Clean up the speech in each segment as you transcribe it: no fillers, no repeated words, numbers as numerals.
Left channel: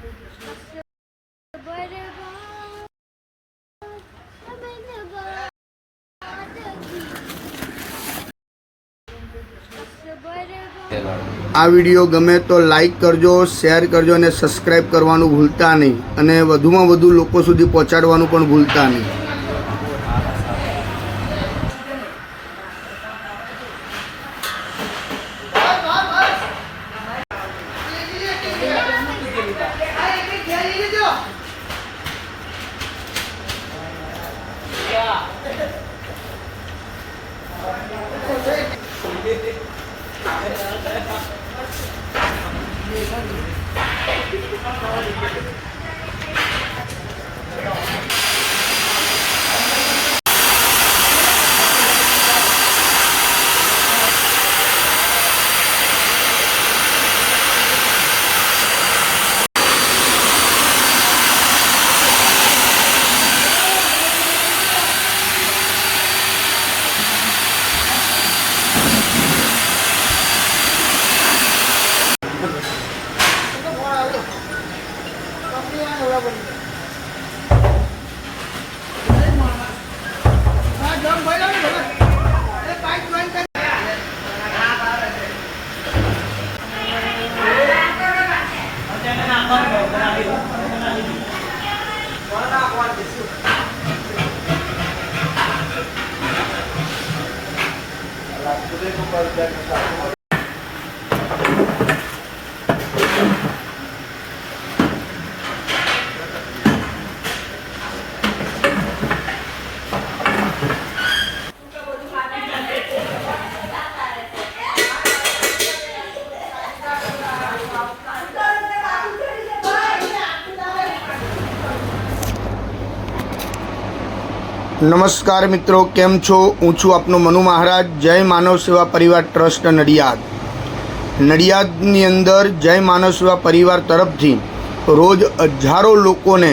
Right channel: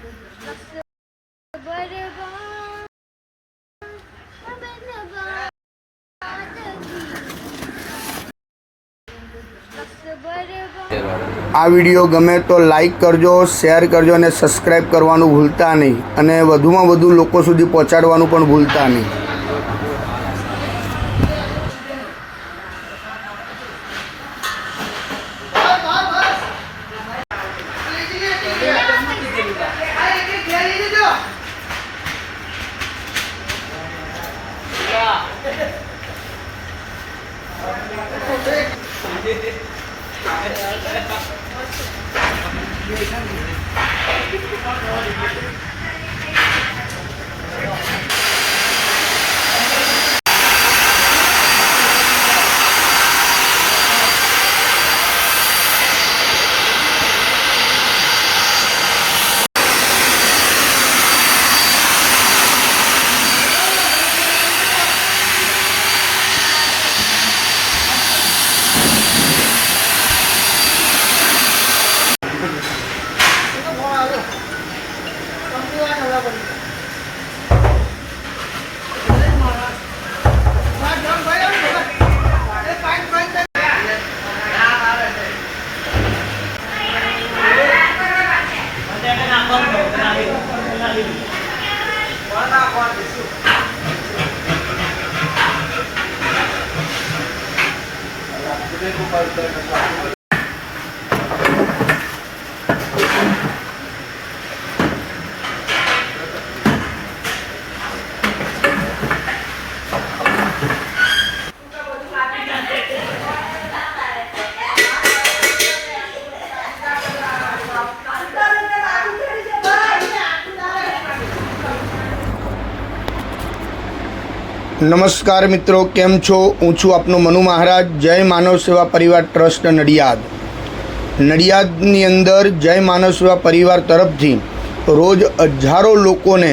આ વિડીયો ગમે તો લાઈક કરજો, શેર કરજો અને સબસ્ક્રાઈબ કરવાનું ભૂલતા નહીં, અને વધુમાં વધુ લોકો સુધી પહોંચાડવાનું પણ ભૂલતા નહીં. નમસ્કાર મિત્રો, કેમ છો? હું છું આપનો મનુ મહારાજ. જય માનવ સેવા પરિવાર ટ્રસ્ટ નડિયાદ. નડિયાદની અંદર જય માનવ સેવા પરિવાર તરફથી રોજ હજારો લોકોને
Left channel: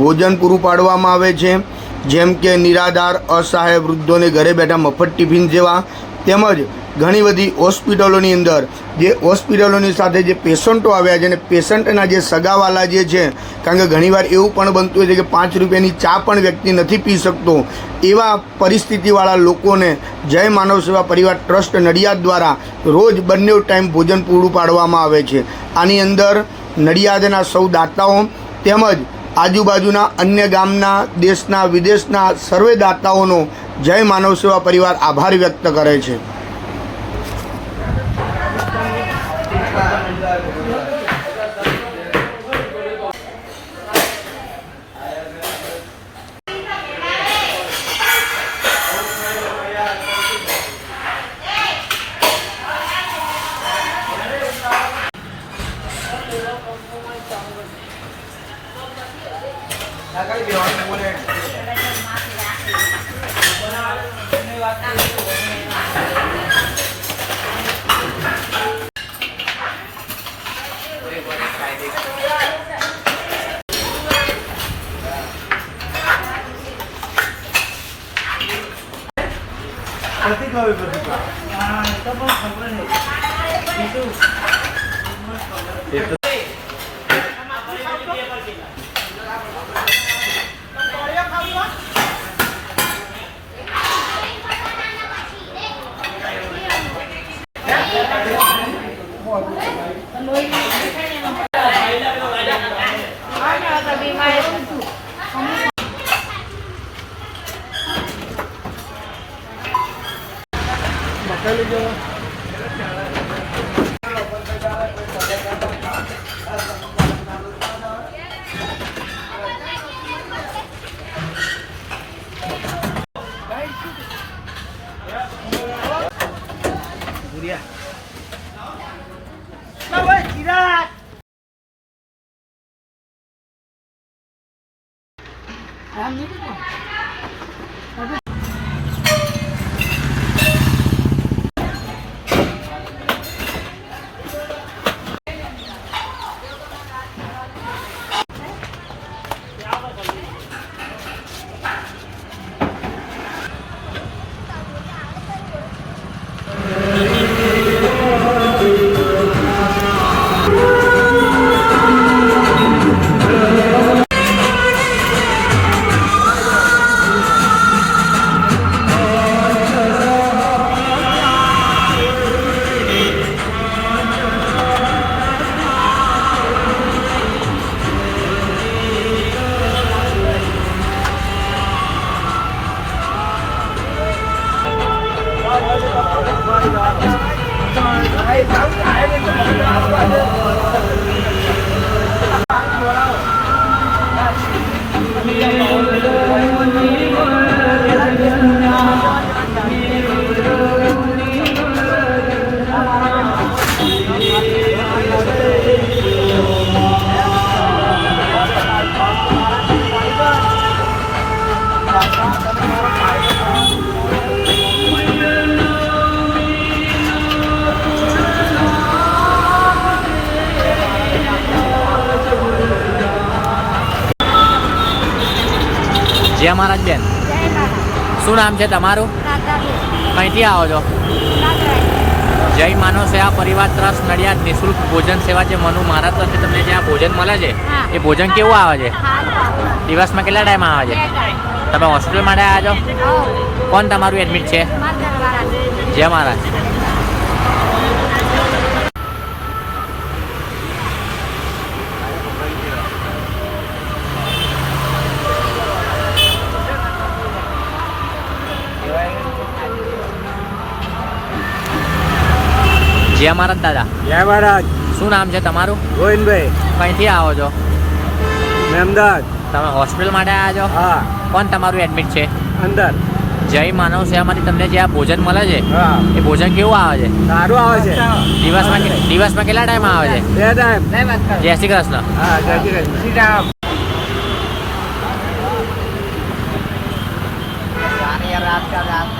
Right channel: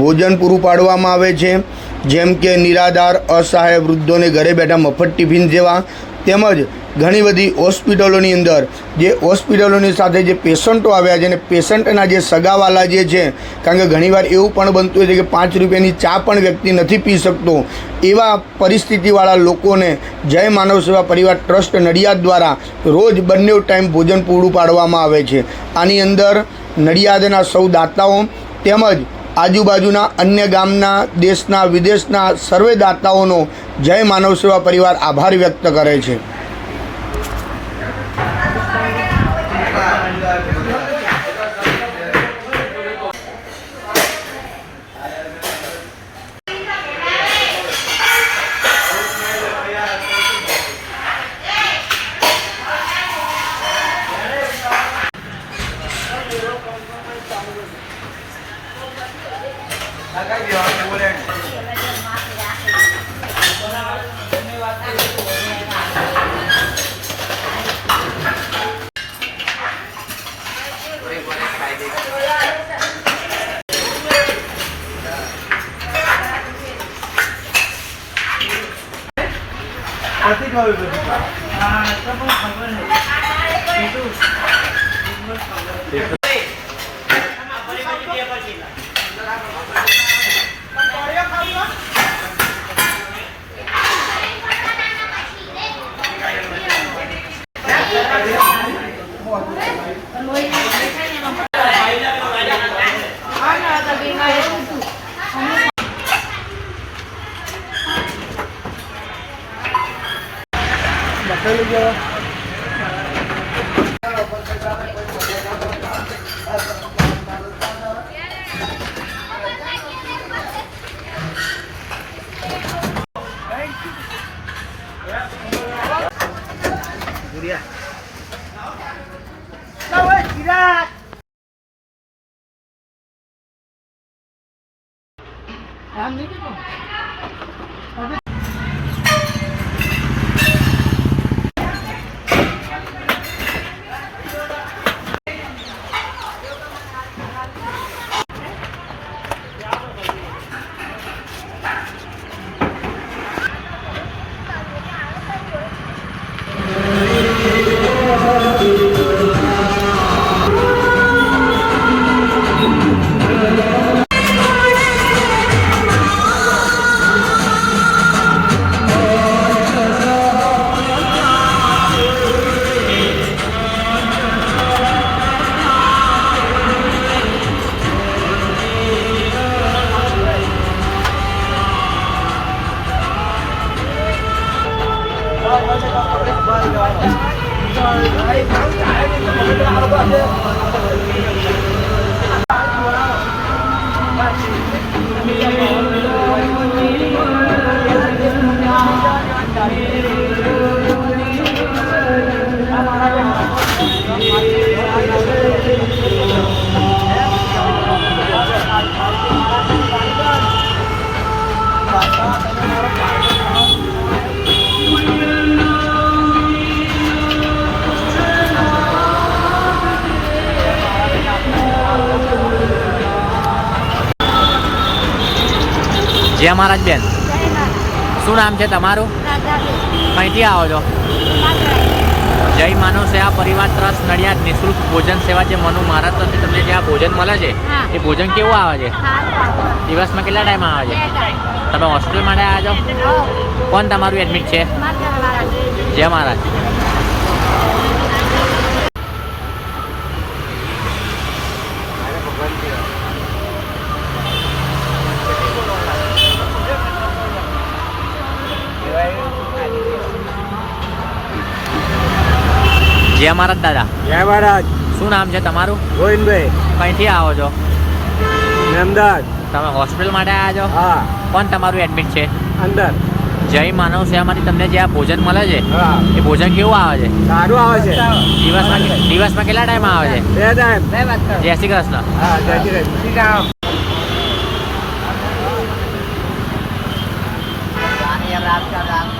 ભોજન પૂરું પાડવામાં આવે છે, જેમ કે નિરાધાર, અસહાય વૃદ્ધોને ઘરે બેઠા મફત ટિફિન જેવા, તેમજ ઘણી બધી હોસ્પિટલોની અંદર જે હોસ્પિટલોની સાથે જે પેશન્ટો આવ્યા છે અને પેશન્ટના જે સગાવાલા જે છે, કારણ કે ઘણીવાર એવું પણ બનતું હોય છે કે 5 રૂપિયાની ચા પણ વ્યક્તિ નથી પી શકતો, એવા પરિસ્થિતિવાળા લોકોને જય માનવ સેવા પરિવાર ટ્રસ્ટ નડિયાદ દ્વારા રોજ બંને ટાઈમ ભોજન પૂરું પાડવામાં આવે છે. આની અંદર નડિયાદના સૌ દાતાઓ તેમજ આજુબાજુના અન્ય ગામના, દેશના, વિદેશના સર્વે દાતાઓનો જય માનવ સેવા પરિવાર આભાર વ્યક્ત કરે છે. જય મહારાજ બેન, શું નામ છે તમારું? કઈથી આવો છો? જય માનવ સેવા પરિવાર ટ્રસ્ટ નડિયાદ નિઃશુલ્ક ભોજન સેવા જે મનુ મહારાજ તરફથી તમને જે આ ભોજન મળે છે એ ભોજન કેવું આવે છે? દિવસમાં કેટલા ટાઈમ આવે છે? તમે હોસ્પિટલ માટે આવ્યા છો? કોણ તમારું એડમિટ છે? જય મહારાજ. જય મહારાજ દાદા. જય મહારાજ. શું નામ છે તમારું? ગોવિંદભાઈ. કઈથી આવો છો? મેં અમદાવાદ. તમે હોસ્પિટલ માટે આવ્યા છો? હા. કોણ તમારું એડમિટ છે? અંદર. જય માનવ સેવામાંથી તમને જે આ ભોજન મળે છે હા. એ ભોજન કેવું આવે છે? સારું આવે છે. દિવસમાં કેટલા ટાઈમ આવે છે? 2 ટાઈમ. જય શ્રી કૃષ્ણ. હા, જય શ્રી કૃષ્ણ. રાત